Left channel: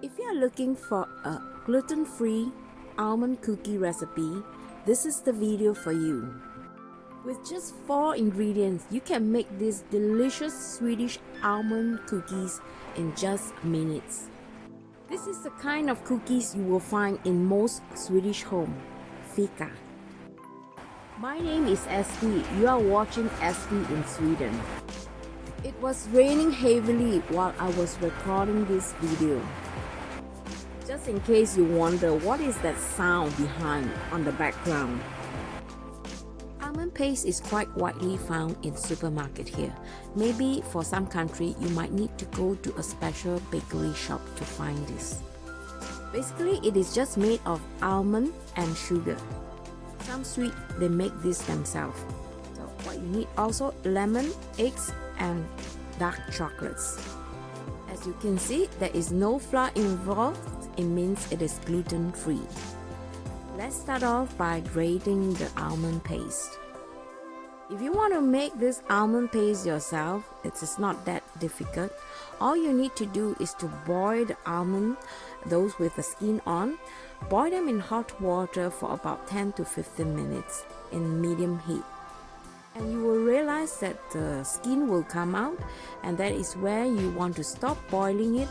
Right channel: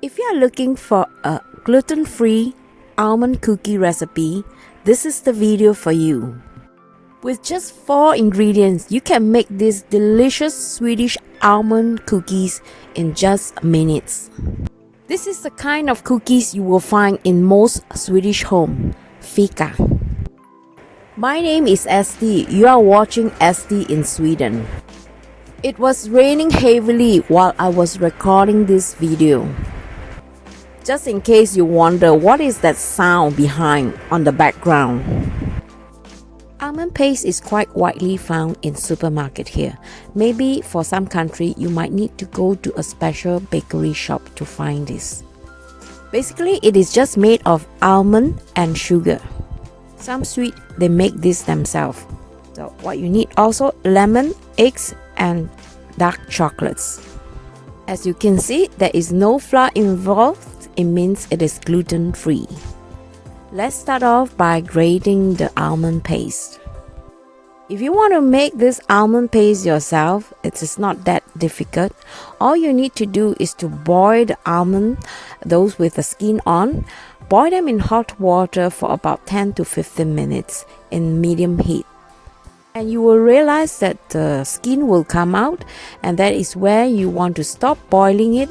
If you are looking for a gluten-free almond cookie recipe, this is the video for you. With just 4 ingredients, you can make these delicious Swedish almond cookies in just minutes. This is the kind of cookies you will find in most Swedish homes, fika. My name is Estee. You are watching Estee in Sweden. It was raining heavily while I was recording this video. Just in case you wonder what is that sound behind on the background. Almond paste is quite widely found in supermarket here. Maybe for some country you might need to go to a special bakery shop to find this. Basically it is just made of almond and sugar. Some sweet they make this themselves. So what you need also lemon, eggs and dark chocolates. As you can see, there is no flour involved. It means it is gluten free. Let's start off by grating the almond paste. If you want to make this almond paste yourself, it is not that difficult. All you need to do is to boil the almond, those with the skin on. Boil them in hot water for about 10 to 15 minutes in medium heat. And you will realize that the skin will come out, and that is where you want to stop boiling it.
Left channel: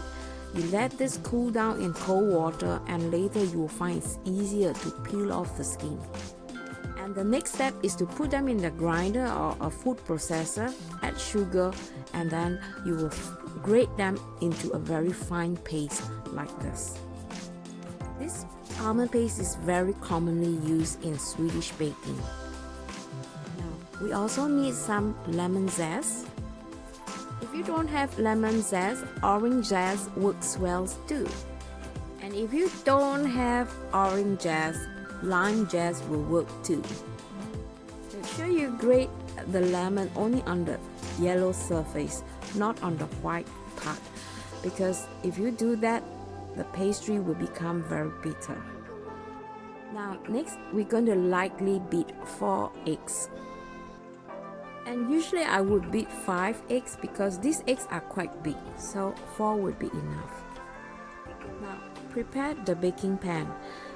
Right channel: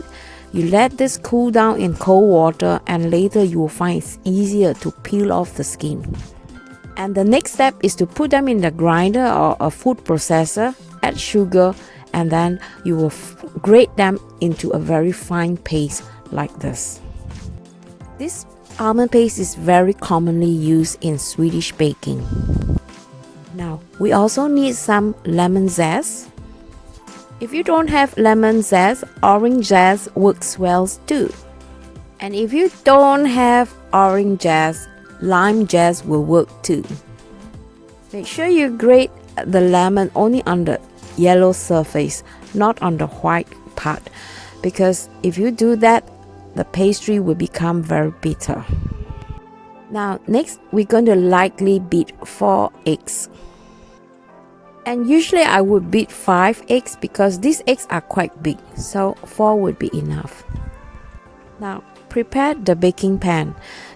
You let this cool down in cold water, and later you will find it's easier to peel off the skin. And the next step is to put them in the grinder or a food processor, add sugar, and then you will grate them into a very fine paste like this. This almond paste is very commonly used in Swedish baking. Now, we also need some lemon zest. If you don't have lemon zest, orange zest works well too. And if you don't have orange zest, lime zest will work too. Make sure you grate the lemon only on the yellow surface, not on the white part, because if you do that, the pastry will become very bitter. Now, next we're going to lightly beat 4 eggs. And usually I would beat 5 eggs because these eggs are quite big, so 4 would be enough. Now, prepare the baking pan.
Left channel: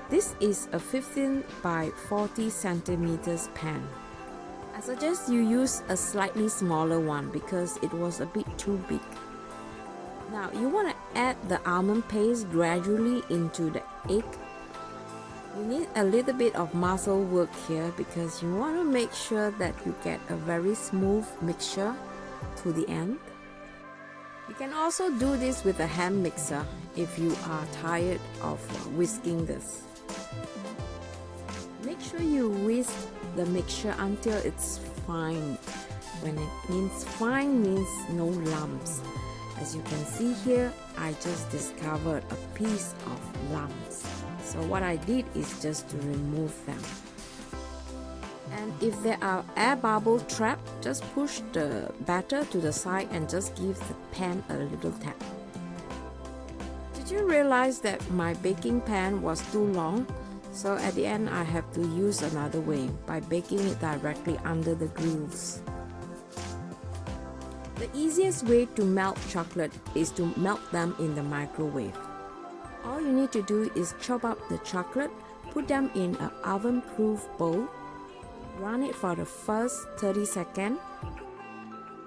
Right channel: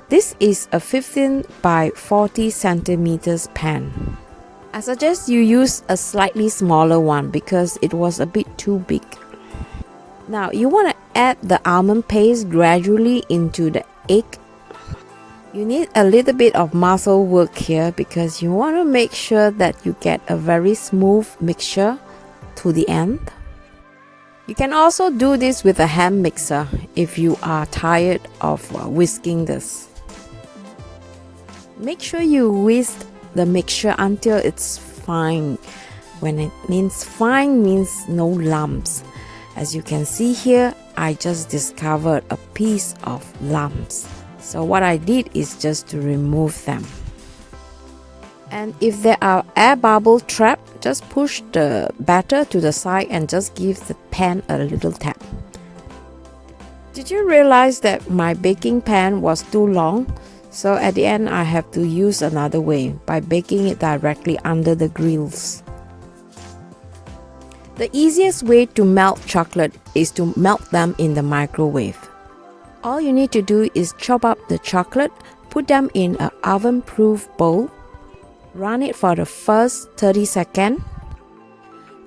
This is a 15 by 40 centimeters pan. I suggest you use a slightly smaller one because it was a bit too big. Now, you want to add the almond paste gradually into the egg. You need a little bit of muscle work here because you want to make sure that you get a very smooth mixture to the end. You can also do this with a hand mixer if you are tired of whisking this. Make sure you whisk the mixture until it's fine. When it means fine means no lumps. As you can see here, I just discovered a piece of lumps. So what I did is just to remove them. And if there are air bubbles trapped, just push the batter to the side and just give the pan a little tap. Did you realize that my baking pan was too long? So at the end I have to use another way by baking it directly under the grills. The easiest way to melt chocolate is to melt them in the microwave. All you need to do is chop up the chocolate, put them in an oven-proof bowl, run it for the first 30 seconds,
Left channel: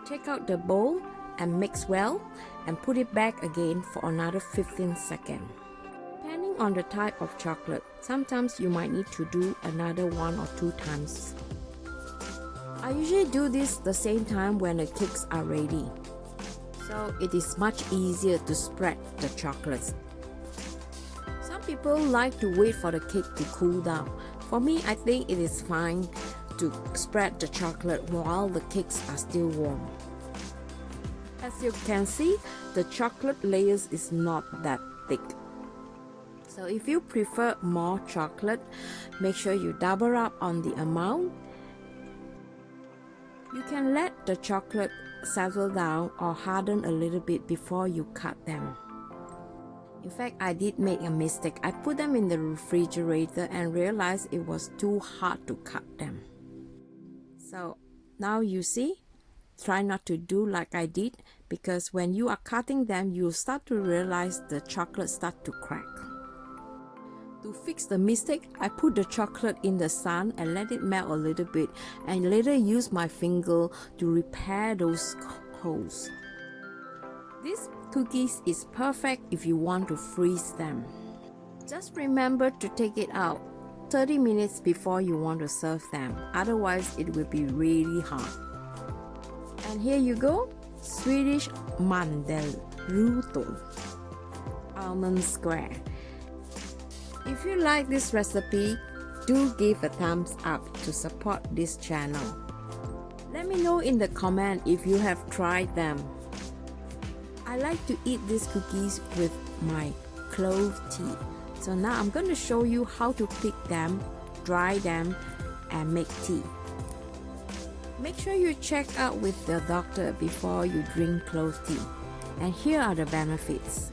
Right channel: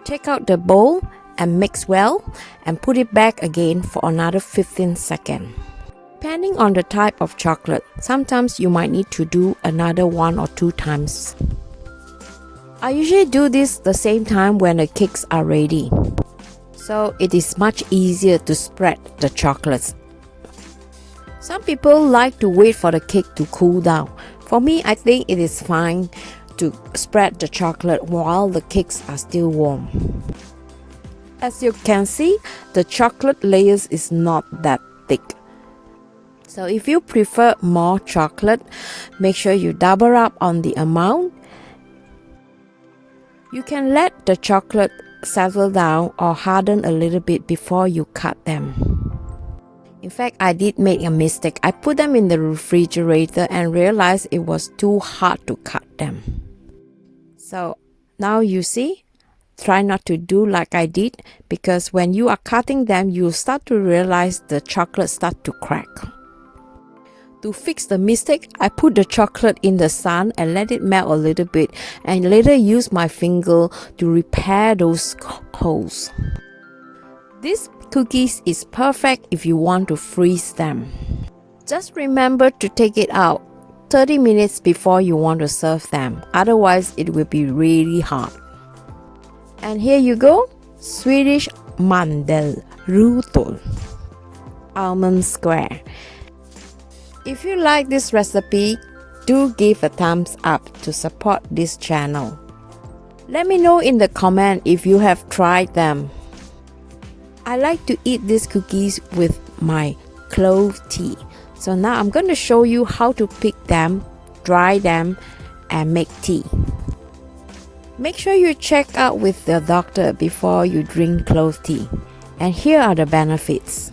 take out the bowl and mix well, and put it back again for another 15 seconds. Depending on the type of chocolate, sometimes you might need to do another 1 or 2 times. I usually do this the same time when the cakes are ready, so it is much easier to spread the chocolates. Some people like to wait for the cake to cool down. For me, I think it is fine to spread the chocolate while the cakes are still warm. As you can see, the chocolate layers is not that thick. So if you prefer more chocolate, make sure you double up on the amount. You can let the chocolate settle down or harden a little bit before you cut them. In fact, I did make a mistake. I put them in the refrigerator and realized it was too hard to cut them. So now you see, try not to do like I did, because when you are cutting them, you start to realize the chocolate start to crack. To fix the mistake, I put the chocolate in the sun and let it melt a little bit, and later use my finger to repair those holes. This cookies is perfect if you want to freeze them. Just remember to take it out 30 minutes before you want to serve them, otherwise it will be really hard. And here you go, Swedish Mandel rutor almond square. If you like this recipe, do give a thumbs up to support this channel. Let me know in the comment if you have tried them. I like to eat these cookies with my clove tea. So now I'm going to show you how to pick them, dry them, and make tea. Make sure you check out with the doctor before you drink clove tea. And here are the benefits.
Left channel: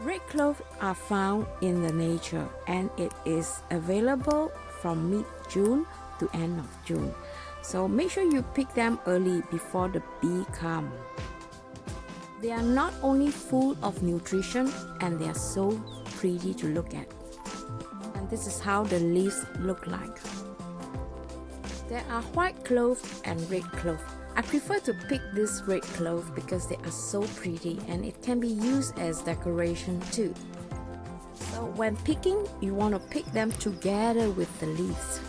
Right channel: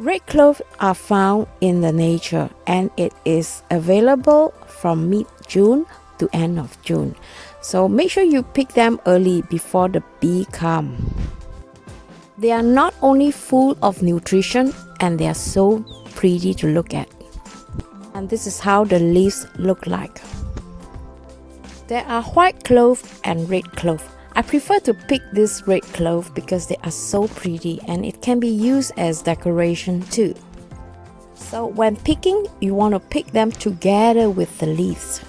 Red clove are found in the nature, and it is available from mid-June to end of June. So make sure you pick them early before the bee come. They are not only full of nutrition, and they are so pretty to look at. And this is how the leaves look like. There are white clove and red clove. I prefer to pick this red clove because they are so pretty, and it can be used as decoration too. So when picking, you want to pick them together with the leaves.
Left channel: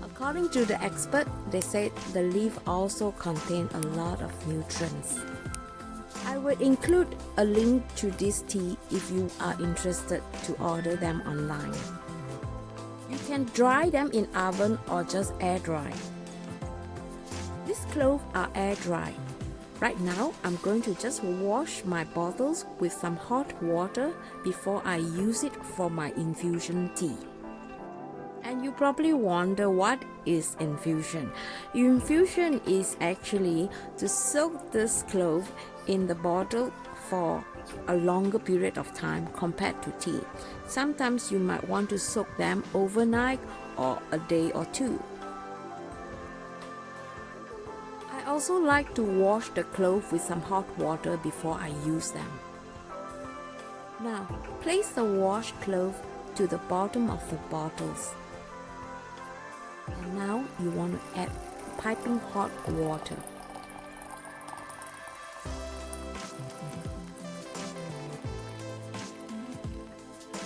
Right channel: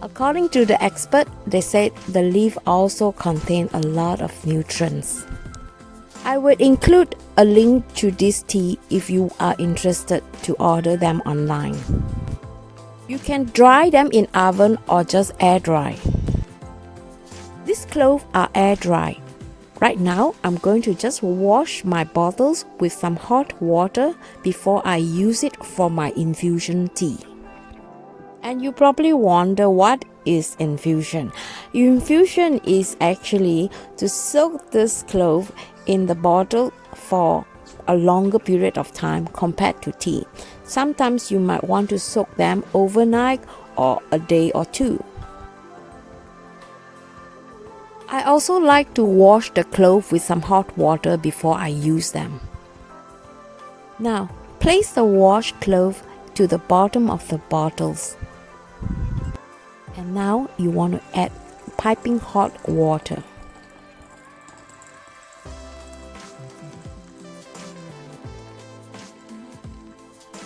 According to the expert, they said the leaf also contain a lot of nutrients. I would include a link to this tea if you are interested to order them online. You can dry them in oven or just air dry. These cloves are air dry. Right now, I'm going to just wash my bottles with some hot water before I use it for my infusion tea. And you probably wonder, what is infusion? Infusion is actually to soak this clove in the bottle for a longer period of time compared to tea. Sometimes you might want to soak them overnight or a day or two. I also like to wash the clove with some hot water before I use them. Now, place the washed clove to the bottom of the bottles. And now you want to add piping hot water.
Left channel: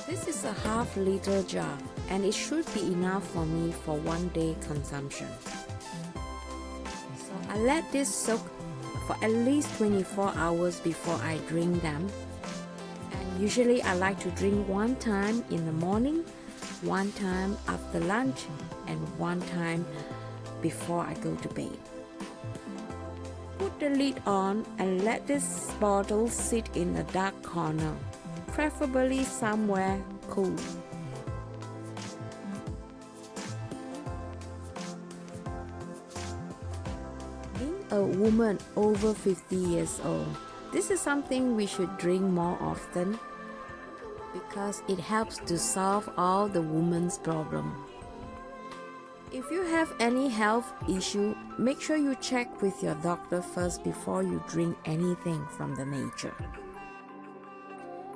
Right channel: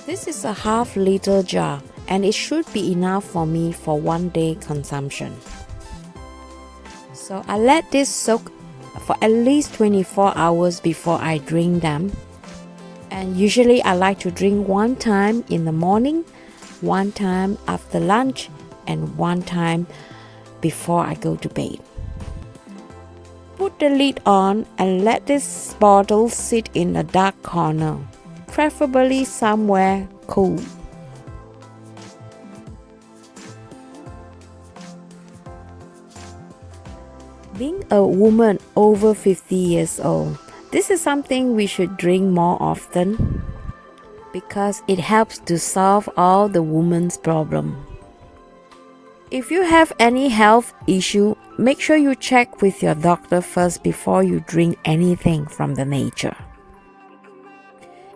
This is a half-liter jar, and it should be enough for me for 1 day consumption. So I let this soak for at least 24 hours before I drink them. And usually I like to drink one time in the morning, one time after lunch, and one time before I go to bed. Put the lid on and let this bottle sit in a dark corner, preferably somewhere cool. Being a woman over 50 years old, this is something we should drink more often because it helps to solve all the woman's problems. If you have any health issue, make sure you check with your doctor first before you drink anything from the nature.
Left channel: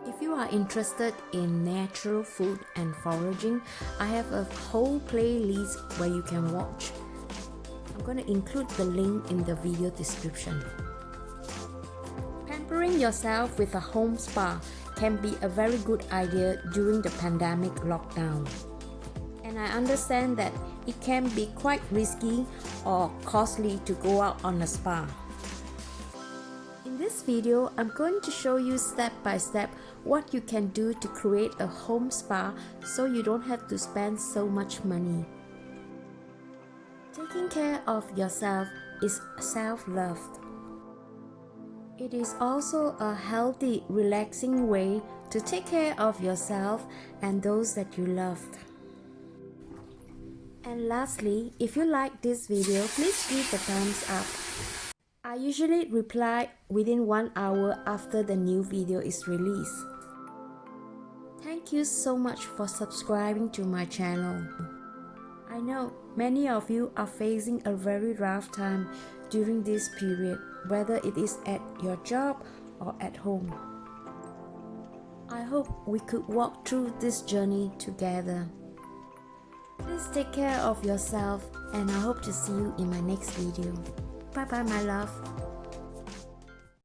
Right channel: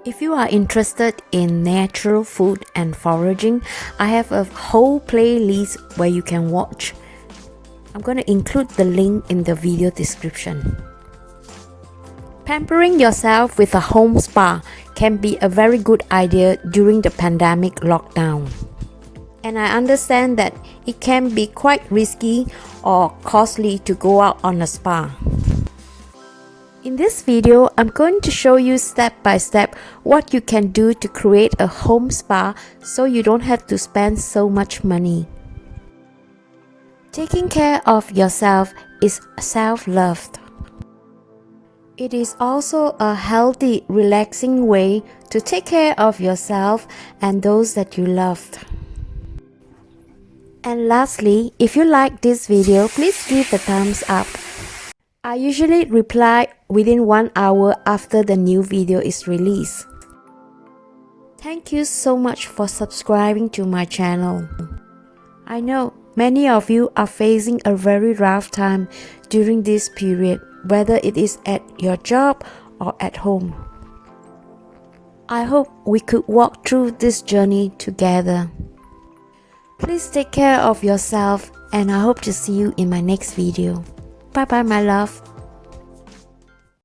If you are interested in natural food and foraging, I have a whole playlist where you can watch. I'm going to include the link in the video description. Pampering yourself with a home spa can be a very good idea during the pandemic lockdown. And I understand that it can be quite risky or costly to go out on a spa. In this video, I'm going to show you step by step what you can do to create a home spa so you don't have to spend so much money. Taking care of yourself is self-love. It is also a healthy, relaxing way to take care of yourself and those that you love. And lastly, if you like this video, please give the thumbs up. I usually reply within 1 hour after the new video is released. Thank you so much for subscribing to my channel. I know many of you are facing a very rough time during this period, whether it is at your job or at home. I hope we could walk through this journey together. Please take care of yourself, and I hope to see you in my next video. Bye bye, my love.